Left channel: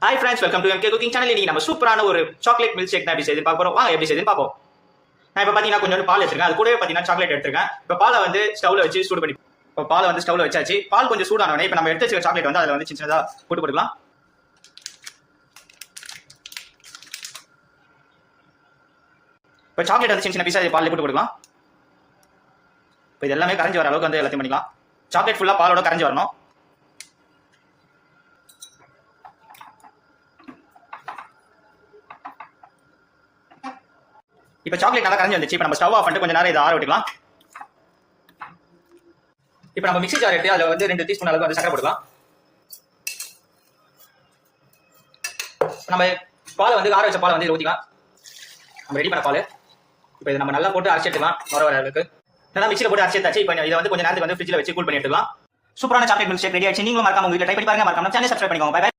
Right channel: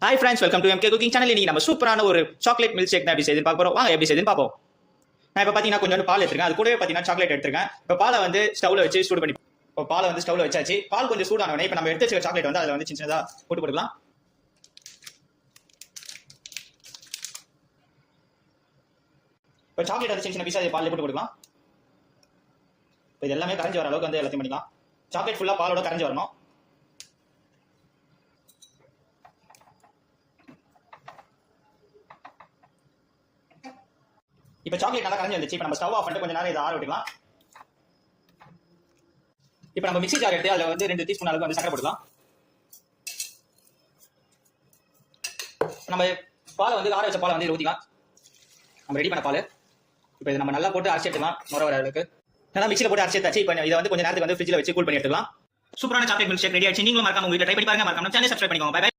Hi friends, welcome to MK Cooking Channel. இன்னைக்கு நம்ம சூப்பரான ஒரு சாக்லேட் மில்க் ஷேக் தான் எப்படி செய்து பார்க்க போறோம். வாங்க எப்படி செய்துன்னு பார்ப்போம். நான் இப்போ பாத்தீங்கன்னா கொஞ்சம் பால் எடுத்துருக்கேன். அது கூடவே பாத்தீங்கன்னா சாக்லேட் எடுத்துருக்கேன். இப்போ பாலை வந்து ஸ்டவ்ல வச்சு சூடு பண்ணி இப்போ பாலை வந்து ஸ்டவ்ல வச்சாச்சு. பால் கொஞ்சம் சூடானோடனே இப்போ நம்ம எடுத்து வச்சிருக்க சாக்லேட் வந்து அதில் வந்து சின்ன சின்னதா போட்டு போட்டுக்கலாம். இப்போ சாக்லேட் வந்து சின்ன சின்ன பீஸா பால் போட்டு போட்டுக்கலாம். இப்போ இது எல்லாமே கரைஞ்சி வர அளவுக்கு வந்து எல்லாத்தையும் பண்ணிக்கலாம். சாக்லேட் ஃபுல்லா பாலோட கரைஞ்சி வரணும். இப்போ சாக்லேட் நல்லா கரைஞ்சி வந்துச்சு. இப்போ நம்ம ஸ்டவ் ஆஃப் பண்ணிட்டு கொஞ்ச நேரம் இதை ஆற விட்டுக்கலாம். இப்போ நம்ம மிக்ஸி ஜார் எடுத்து அதில் வந்து 2 டீஸ்பூன் அளவுக்கு வந்து சக்கரை போட்டுக்கலாம். நம்ம பாலை வந்து ஆற வச்ச பாலை வந்து ஊற்றிக்கலாம். நம்ம ரெடி பண்ண பால் இப்போ இதை நம்ம நல்லா போட்டு அரைச்சி எடுத்துக்கலாம். வர அளவுக்கு நல்லா மிக்ஸியில் போட்டு அரைச்சி எடுத்தாச்சு. இப்போ இதை வந்து கொஞ்ச நேரத்துக்கு வந்து ஃப்ரிட்ஜில் வச்சு கூல் பண்ணி எடுத்துக்கலாம். சூப்பரான சாக்லேட் மில்க் ஷேக் ரெடி ஆயிடுச்சு. நீங்களும் மறக்காம உங்க வீட்டில் ட்ரை பண்ணி பாருங்க. மறக்காம சேனல் சப்ஸ்கிரைப் பண்ணிக்கோங்க.